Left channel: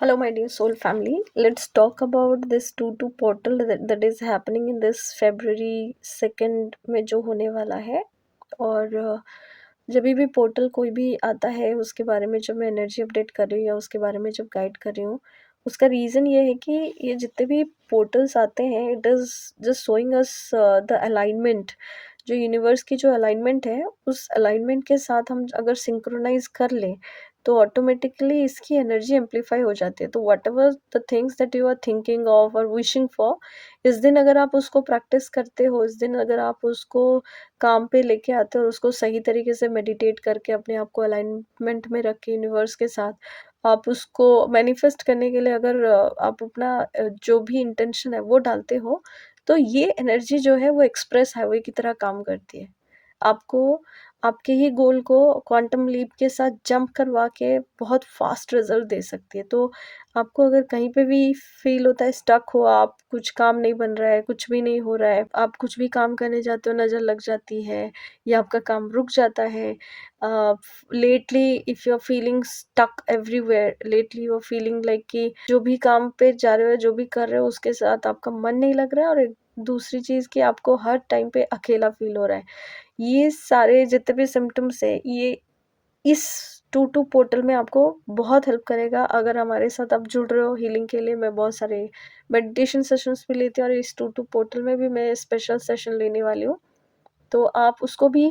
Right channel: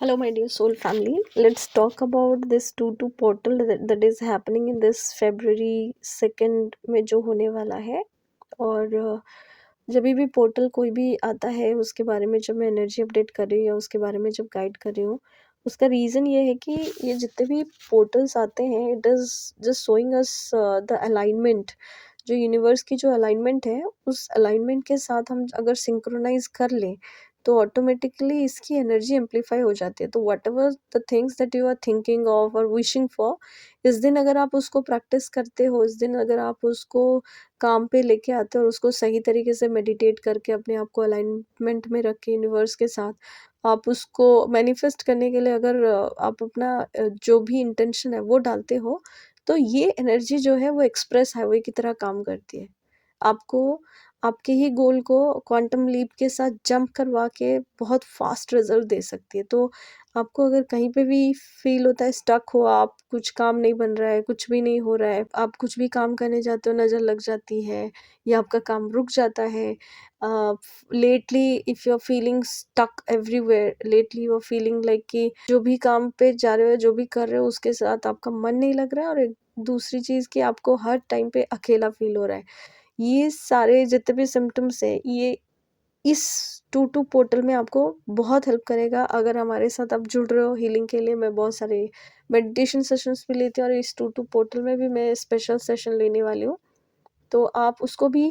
Hello, my dear soul family. Let's talk about this 2-2 portal that is happening in this February 2nd में जो होने वाला है। और जब भी पोर्टल कोई भी आता है उसके बारे में जब मैं एनर्जी अपडेट कर रही हूँ या उसके बारे में जब गाइड कर रही हूँ, उसका रीज़न ये है कि ये जितने भी पोर्टल्स आते हैं it is just showing us the alignment. जो यूनिवर्स की जो अलाइनमेंट है उस अलाइनमेंट के साथ हम अगर सिंक्रोनाइज कर लें तो ऑटोमेटिकली इसकी एनर्जी एम्पलीफाई हो जाती है। तो whatever the things that you are thinking of और विशिंग फॉर, इस दिन अगर आप उसको प्रैक्टिस करते हो, इस दिन अगर आप उसको काम पे लेके आते हो और उसको सही तरीके से मेडिटेट करके अपने आप को अलाइनमेंट में रख के यूनिवर्स के साथ आप उसको मैनिफेस्ट करने के लिए अगर आप अपना जो भी इंटेंशन है वो डालते हो, तो ये एनर्जी जो है वो एक्सप्रेस हाईवे की तरह काम करती है। आपको आपके ही गोल को क्वांटम लीप के साथ जंप करवा के बहुत फास्ट रिजल्ट दे सकती है। तो आपको अगर कहीं पे भी फील होता है स्टक हो, आप कुछ काम नहीं बन रहा है, कुछ भी नहीं हो रहा है, आप कुछ भी काम करने जाते हो नज़र लग जाती है या आपका काम रुक जाता है, lately if you are feeling stuck everywhere, lately you are feeling like कि जो भी काम पे जा रहे हो, जो भी कर रहे हो उसके साथ आपका मन नहीं लग रहा है, और एक दूसरी चीज़ कि आपको हर टाइम पे अकेला फील हो रहा है। ये सारे जितने भी सिम्टम्स है ये इस टू टू पोर्टल में आपको बहुत हेल्प करेगा। अगर हमारे साथ आप जुड़ रहे हो हीलिंग के लिए, मैं बहुत सारे मेडिटेशन सेशंस भी लेती हूँ और इस टू टू पोर्टल में भी मैं स्पेशल सेशन लेने वाली हूँ, तो आप उसको भी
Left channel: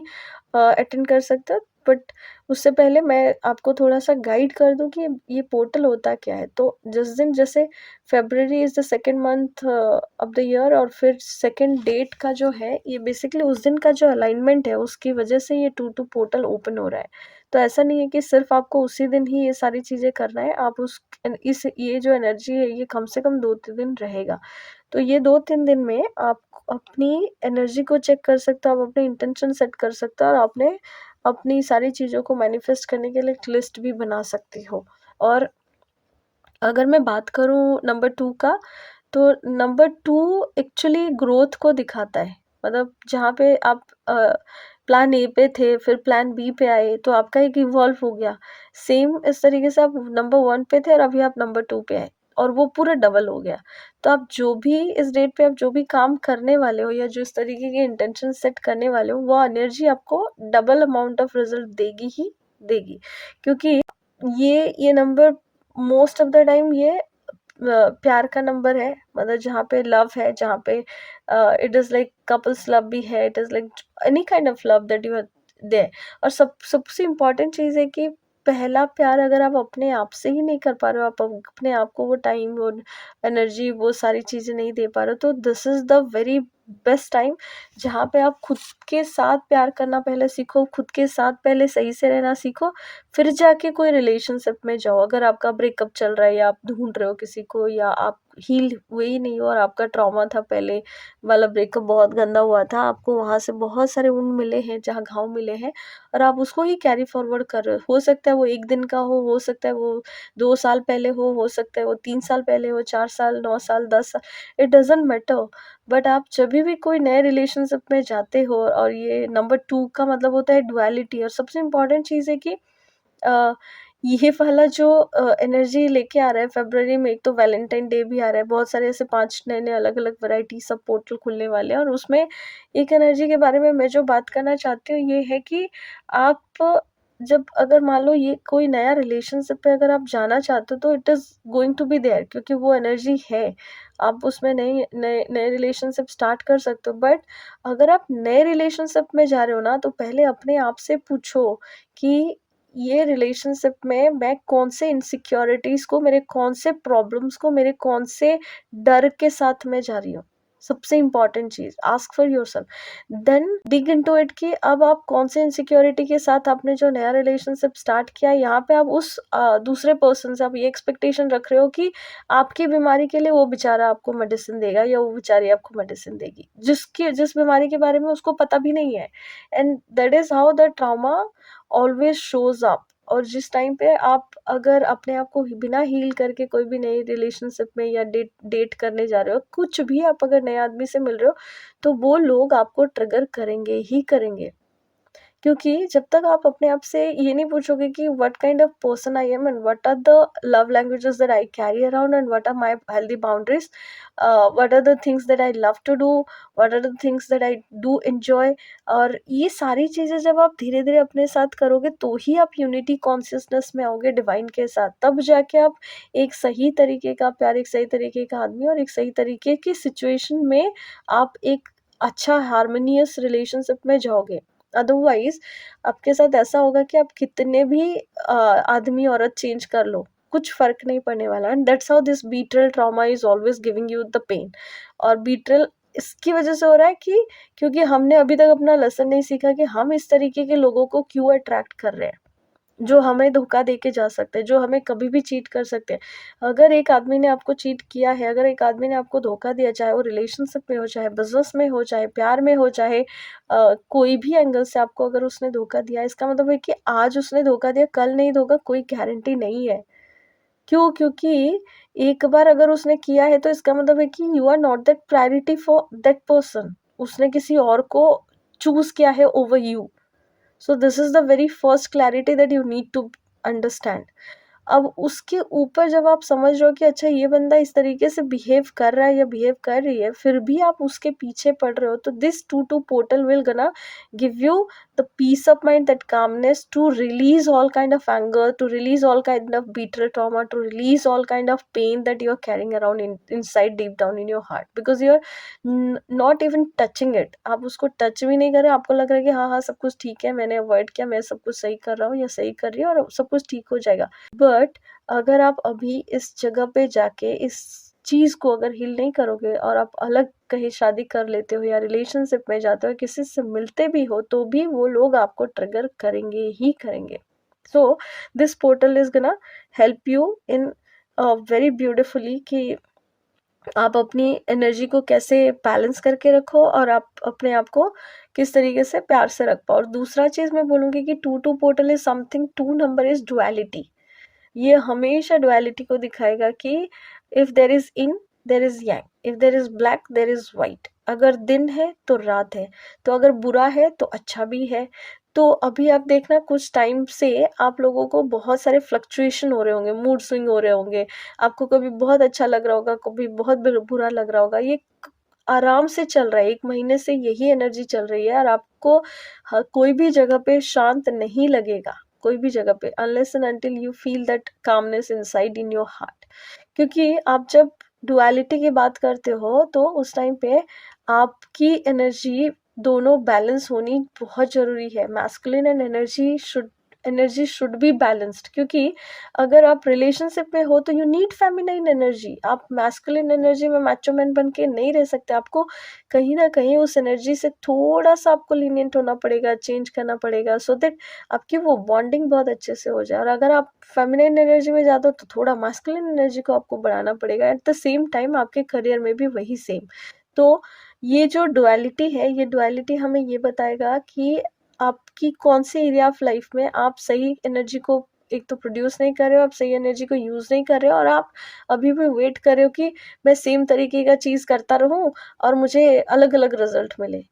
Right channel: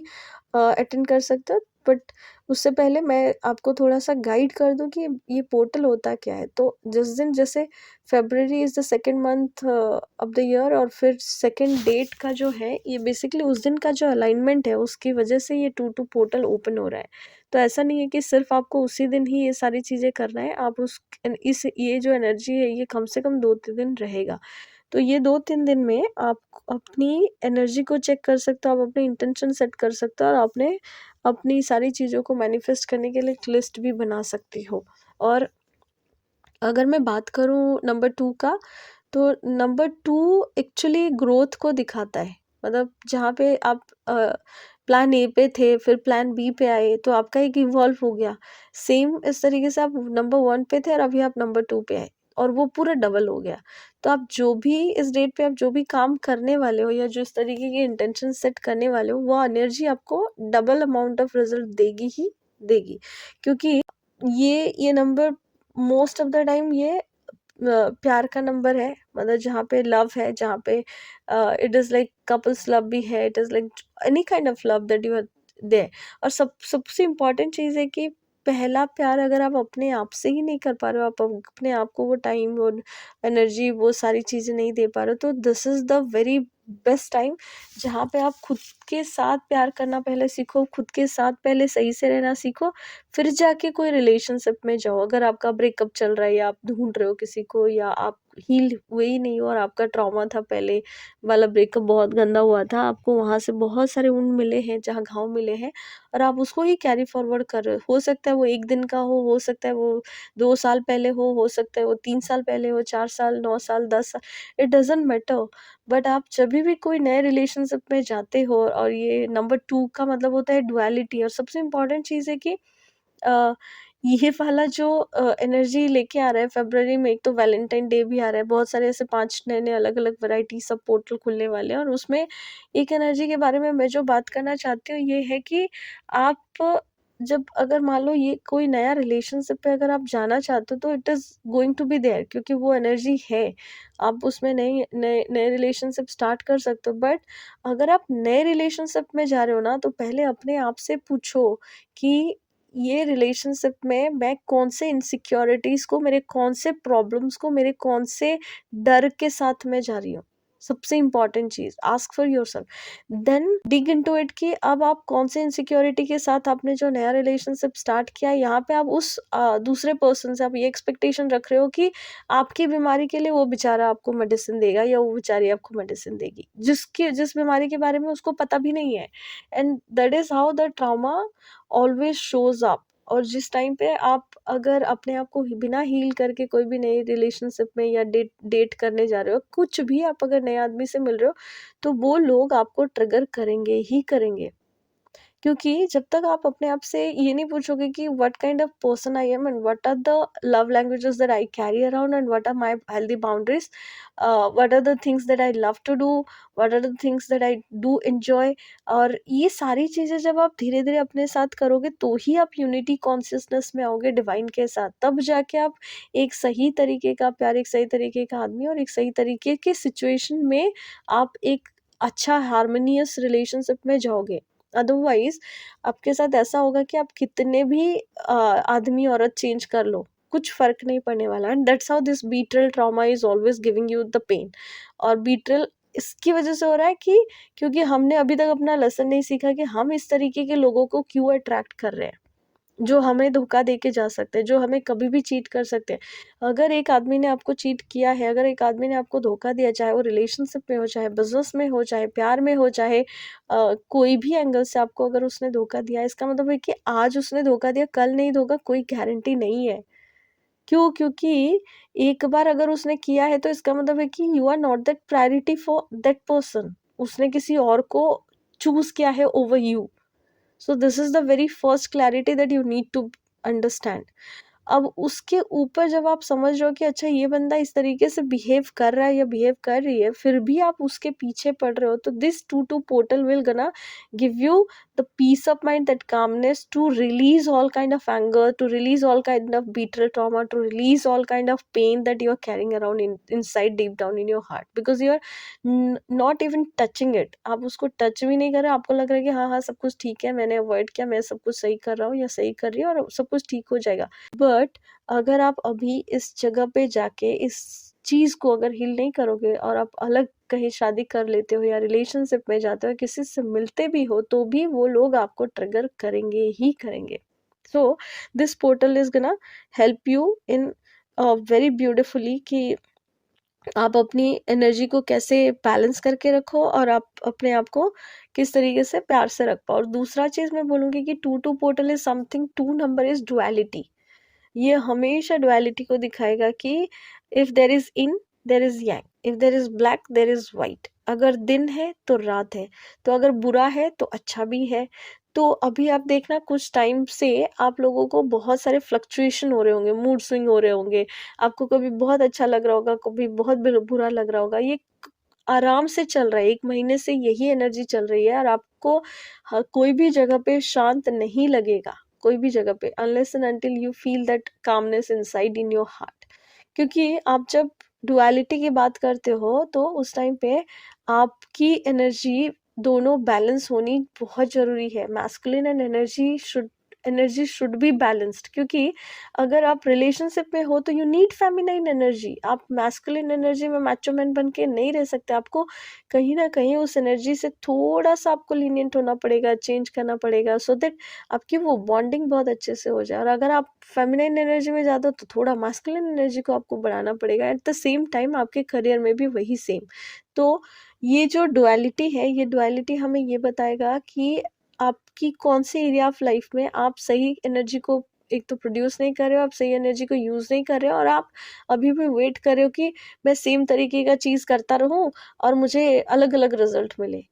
अटेंड कर सकते हो। बट उससे पहले मैं आपको थोड़ा सा गाइड कर दूं कि ये पोर्टल होता क्या है। तो जिस दिन जैसे February is the second month of the year, और फिर सेकेंड डेट का जो है ये बेसिकली उस दिन का जो अलाइनमेंट है उसकी वजह से ये टू टू पोर्टल ओपन हो रहा है। तो ऐसा नहीं है कि सिर्फ आपको उसी दिन ही ये सारी चीज़ें करना है, आप उस इस ये जो एनर्जी है ये कम से कम 2-3 दिन रहेगा। तो ये 2-3 दिन में आप अपनी एनर्जी को चेक कर सकते हो, आप अपने इंटेंशन सेट कर सकते हो और आपने अपनी सारी चीज़ों को मैनिफेस्ट करने के लिए एक लिस्ट भी बना सकती हो। और अगर मैं बात करूँ नंबर 2 का, तो नंबर 2 एक्चुअली ग्रोथ को दिखाता है। मतलब जहाँ पे आप प्लान ए पे थे, फिर प्लान बी पे आए, तो आपका एक इवॉल्व हो गया। सेम इस तरीके से आप नंबर 1 पे थे और अभी आप नंबर 2 पे आए और वो पूरा डबल हो गया। तो आप जो भी इस डेट पे आप जो भी काम करने वाले हो या जो इस तरीके के इंटेंशन सेट करने वाले हो, वो एनर्जी आपको डबल अमाउंट ऑफ रिजल्ट देगी ही देगी। क्योंकि ये number most of the time ये प्यार का नंबर है। मतलब जहाँ पे लव है, जहाँ पे it is like couples love भी है, it is like any kind of love that you are there. और सबसे इम्पोर्टेंट चीज़ है कि पहला प्यार अगर आप अपने आप से ही नहीं कर पा रहे हो, आप अपने आप को वो टाइम, वो एनर्जी, वो सारी चीज़ें नहीं दे पा रहे हो, तो this is the very best time जहाँ पे आप खुद के साथ प्यार करना पहले सीखो, खुद के साथ पहले सही से रहना सीखो, फिर जाके कोई रिलेशनशिप में जाओ। अगर आपका ब्रेकअप चल रहा है या आप ढूंढ रहे हो किसी को, या आप हील हुए ही नहीं हो और आपका ट्रॉमा था, पहले वाला ब्रेकअप बहुत गंदा हुआ था, आपको वहाँ से बहुत सारे वुंड मिले हैं, जहाँ घाव मिले हैं, और आप उसको ही कैरी फॉरवर्ड कर रहे हो सकता है वो एक दिन का हो सकता है वो 2 साल पहले हो सकता है वो 3 साल पहले हो, 4 साल, 9 साल, 10 साल, इट डजेंट मैटर। बट आप जब भी कोई नए रिलेशनशिप में जाते हो, और ये नंबर 2 का मतलब होता है डुअलिटी। और सबसे इम्पोर्टेंट चीज़ है कि अ, ये वाला जो एनर्जी लेके आ रहा है फरवरी में, एक तो वैलेंटाइन डे भी आ रहा है, बहुत सारे ऐसे 5 नए-नए अलग-अलग वैरायटी सब पोर्टल खुलने वाले हैं। और उसमें एक एनर्जी के बारे में मैं जो बात करना चाहती हूँ ये है कि आप जब अगर मान लो ये कोई नया रिलेशनशिप पे अगर आप जाना चाहते हो, तो it is going to be there, क्योंकि वो एनर्जी है। आप उसमें नई नए नए रिलेशनशिप स्टार्ट कर सकते हो। बट अगर आप नए रिलेशनशिप में जा रहे हो ना, तो पहले अपने आप से पूछो कि ये रिलेशनशिप में मैं कौन से इनसिक्योरिटीज को, मेरे कौन से प्रॉब्लम्स को, मेरे कौन से डर के साथ मैं जा रही हूँ। सबसे इंपॉर्टेंट चीज, ask for yourself, then dig into it कि अब आप कौन से इनसिक्योरिटी के साथ आपने जो नया रिलेशनशिप स्टार्ट किया, यहाँ पे आप उस दूसरे पर्सन से आप ये एक्सपेक्टेशन रख रहे हो कि आपकी बीमारी के लिए वो बेचारा आपको मेडिसिन देगा या वो बेचारी आपको मेडिसिन देगी, जिस बीमारी के बारे में उसको पता भी नहीं है। And that is how the trauma always shows up. और जिस टाइम पे आप अगर अपने आप को बिना हील करके कोई भी नई रिलेशनशिप में या डेट डेट करने जा रहे हो, कुछ भी आप अगर नए आदमी से मिल रहे हो, तो वो लोग आपको ट्रिगर करेंगे ही करेंगे। क्योंकि जब तक आप अपने आप से ये नहीं पूछोगे कि what kind of person I am and what are the love languages that I carry around and what are my healthy boundaries, what are the things that I love to do, what are the things that I do enjoy, और ये सारी चीजें जब आप धीरे धीरे अपने साथ करोगे तो ही आप यूनिटी कॉन्शियसनेस में आओगे डिवाइन के साथ, तब जाके आप एक सही तरीके का प्यार, एक सही तरीके का आदमी और एक सही तरीके की सिचुएशन में आप एक अच्छा हार्मोनियस रिलेशनशिप में जाओगे। अदरवाइज आपके साथ ऐसा होगा कि आप कितने भी आदमी औरत चेंज कर लो, कुछ फर्क नहीं पड़ने वाला। And that's how this betrayal trauma is always giving you the pain. और बीट्रेल इसकी वजह से हो रहा है कि क्योंकि हमने अभी तक अपना लेसन नहीं सीखा कि हम इस तरीके के लोगों को क्यों अट्रैक्ट कर रहे हैं, जो हमें धोखा दे के जा सकते हैं, जो हमें कभी भी चीट कर सकते हैं। अगर एक आदमी ने आपको चीट किया है, अगर एक आदमी ने आपको धोखा दिया, चाहे वो रिलेशनशिप में हो, चाहे बिजनेस में हो, चाहे प्यार में हो, चाहे कोई भी एंगल से आपको अगर उसने धोखा दिया, इसका मतलब है कि आज उसने धोखा दिया, कल नहीं धोखा, कोई गारंटी नहीं है। क्यों? क्योंकि एक बार अगर उसने किया है तो इसका मतलब है कि you are not that priority for that person. उसने किसी और को चूज किया है over you. So this is the very first clarity that you need to understand. अब उसके ऊपर जब आप समझ रहे हो कि अच्छा ये बंदा इस तरीके से बिहेव कर रहा है या बिहेव कर रही है, फिर भी आप उसके पीछे पड़ रहे हो, तो this 2-2 portal will gonna give you the peace of mind, that calmness to release all kind of anger, to release all kind of betrayal trauma, to release all kind of pain that you are carrying around inside deep down in your heart, because you are not even touching it. आप उसको touch भी नहीं कर रहे, आपको लग रहा है कि हाँ हाँ सब कुछ ठीक है, मैंने अवॉइड किया, मैं सब कुछ सही कर रहा हूँ या सही कर रही हूँ और सब कुछ ठीक हो जाएगा। बट अगर आप अभी इस जगह पे जाके इस चीज को अगर हील नहीं करोगे और आप अलग कहीं शादी कर लेते हो या रिलेशनशिप में जाते हो, किसी से मिलते भी हो, तो भी वो लोग आपको ट्रिगर करेंगे ही करेंगे। सो दिस पोर्टल इज गना help you in very beautifully कि आप अपनी एनर्जी को कैसे बैलेंस करके रखो और आप अपने आप को किस तरीके से प्यार से रख पाओ। और दूसरा चीज मैं बोलूंगी कि 2-2 portal is something, 2 number is duality. ये हमेशा डुअलिटी को दिखाएगा कि if there is in there is yang, if there is black there is white। अगर दिन है तो रात है, तो अगर बुरा है तो अच्छा भी है। तो अभी आप देखना कुछ टाइम से आप लोगों को बहुत सारे फ्लक्चुएशन हो रहे होंगे, मूड स्विंग हो रहे होंगे, आपको कभी बहुत अच्छा लग रहा होगा, कभी बहुत बुरा लग रहा होगा। ये आराम से चल रहा है, 1 महीने से यही एनर्जी चल रही है और आपको कोई भी जगह पे शांत नहीं लगेगा, कोई भी जगह पे, unless and until you feel that calmness inside in your heart. क्योंकि आप जब डुअलिटी की बात करते हो तो उस टाइम पे आपकी एनर्जी दोनों बैलेंस होनी बहुत जरूरी है। Masculine and energy should be balanced, क्योंकि अगर आप रिलेशनशिप में हो तो यू नीड फेमिनाइन एनर्जी। आप मैस्कुलिन एनर्जी में मैचो मैन बन के नहीं रह सकते, आपको कहीं ना कहीं उस एनर्जी से थोड़ा सा आपको लीनियंट होना पड़ेगा, चेंज करना पड़ेगा, सो दैट आपकी वो बॉन्डिंग बहुत अच्छे से हो जाए। और अगर आप फेमिनाइन एनर्जी में जाते हो तो थोड़ा मैस्कुलिन एनर्जी को आपको बढ़ाना पड़ेगा। एट द सेम टाइम आपके करियर में भी वही सेम। तो ये जो डुअलिटी है, ये डुअलिटी हमें ये बताएगा कि आपकी कौन से एरिया ऑफ लाइफ में आप सही एनर्जी को एक तो प्रोड्यूस नहीं कर रहे हो, आप सही एनर्जी को यूज नहीं कर रहे हो, और आप अभी भी वेट कर रहे हो कि मैं सेम तरीके का चीज करता रहूं और मुझे अलग अलग रिजल्ट मिले।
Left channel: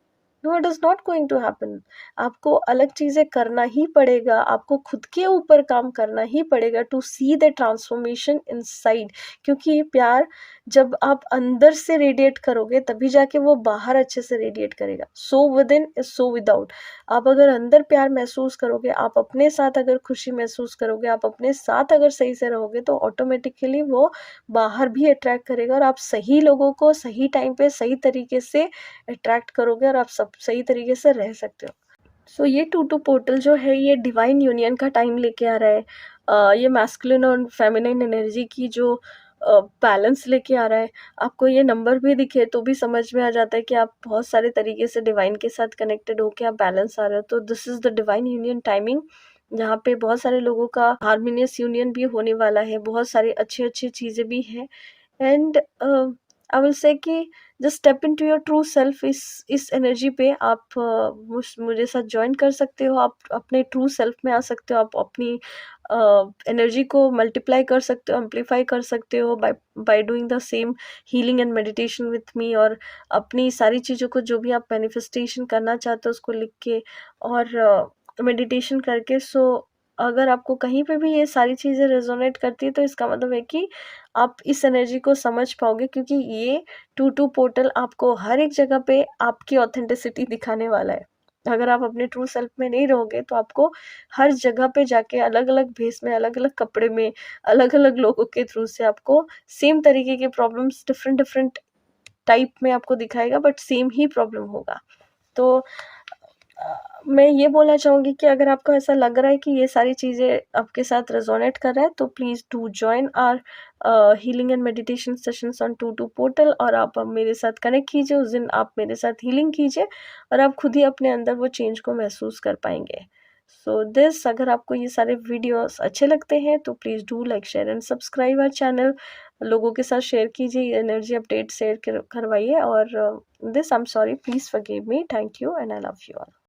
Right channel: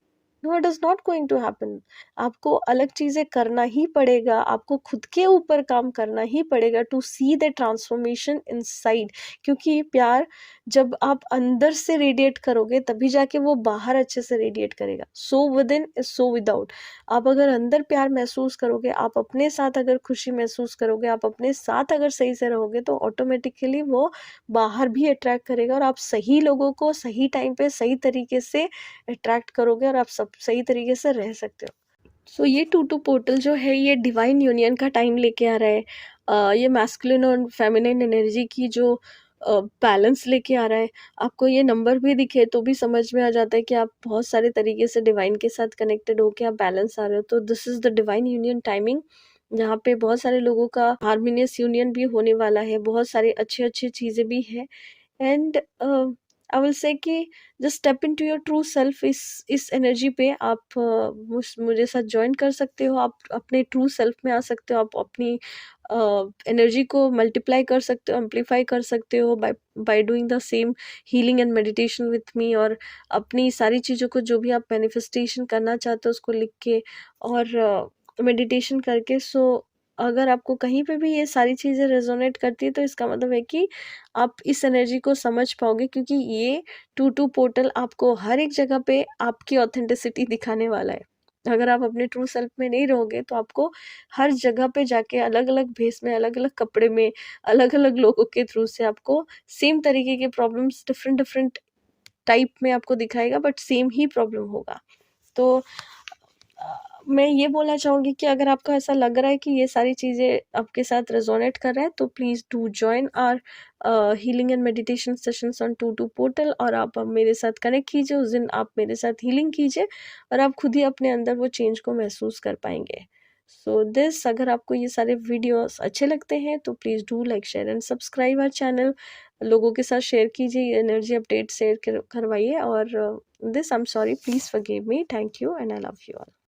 No, it is not going to happen. आपको अलग चीजें करना ही पड़ेगा, आपको खुद के ऊपर काम करना ही पड़ेगा to see the transformation inside. क्योंकि प्यार जब आप अंदर से रेडिएट करोगे तभी जाके वो बाहर अच्छे से रेडिएट करेगा। So with in is so without. आप अगर अंदर प्यार महसूस करोगे, आप अपने साथ अगर खुशी महसूस करोगे, आप अपने साथ अगर सही से रहोगे, तो ऑटोमेटिकली वो बाहर भी अट्रैक्ट करेगा और आप सही लोगों को सही टाइम पे सही तरीके से अट्रैक्ट करोगे और आप सब सही तरीके से रह सकते हो। सो ये 2-2 पोर्टल जो है ये डिवाइन यूनियन का टाइम लेके आ रहा है। ये मैस्कुलिन और फेमिनिन एनर्जी की जो बैलेंस लेके आ रहा है। आपको ये नंबर भी दिखे तो भी समझ में आ जाता है कि आप बहुत सारे तरीके से डिवाइन के साथ कनेक्टेड हो के आप बैलेंस आ रहे हो। तो this is the divine union timing, जहाँ पे बहुत सारे लोगों का हार्मोनियस यूनियन भी होने वाला है, बहुत सारी अच्छी अच्छी चीजें भी है। एंड आई विल से कि just step into your true self. इस एनर्जी पे आप मुझे साथ ज्वाइन कर सकते हो, आप अपने ट्रू सेल्फ में आ सकते हो, आप अपनी एनर्जी को मल्टीप्लाई कर सकते हो, एम्पलीफाई कर सकते हो by by doing the same healing and meditation with me. और अपनी सारी चीज़ों को जो भी आप मैनिफेस्टेशन करना चाहते हो उसको लिख के, और मेडिटेशन करके। सो अगर आपको कहीं पे भी ये सारी चीज़ें रेजोनेट करती है तो इसका मतलब है कि आप इस एनर्जी को समझ पाओगे, क्योंकि ये 2-2 पोर्टल आपको हर एक जगह पे आपकी ऑथेंटिसिटी दिखाने वाला है। अगर आप अपने ट्रू सेल्फ में नहीं रहोगे तो आपको हर जगह पे जाके अलग-अलग भेस में, अलग-अलग कपड़े में, अलग-अलग लोगों के थ्रू से आपको सेम तरीके के प्रॉब्लम्स डिफरेंट-डिफरेंट टाइप में आपको दिखाएगा, बट सेम ही प्रॉब्लम होगा। तो मैं ये बोलना चाहूँगी कि अगर आपको ऐसा लग रहा है कि ये सारी चीज़ें आपके साथ रेजोनेट कर रहा है तो please do join our healing and meditation sessions on 2-2 portal, और आप अब मेरे साथ कनेक्ट कीजिए। उस दिन आप मेरे साथ हीलिंग कीजिए और आप खुद ही अपने अंदर वो चेंज को महसूस कर पाएंगे। सो दिस, अगर आपको ये सारे वीडियोस अच्छे लगते हैं तो please do like, share and subscribe our channel. लोगों के साथ शेयर कीजिए, एनर्जी अपडेट शेयर करवाइए। और this, I am sorry, please forgive me, thank you and I love you all.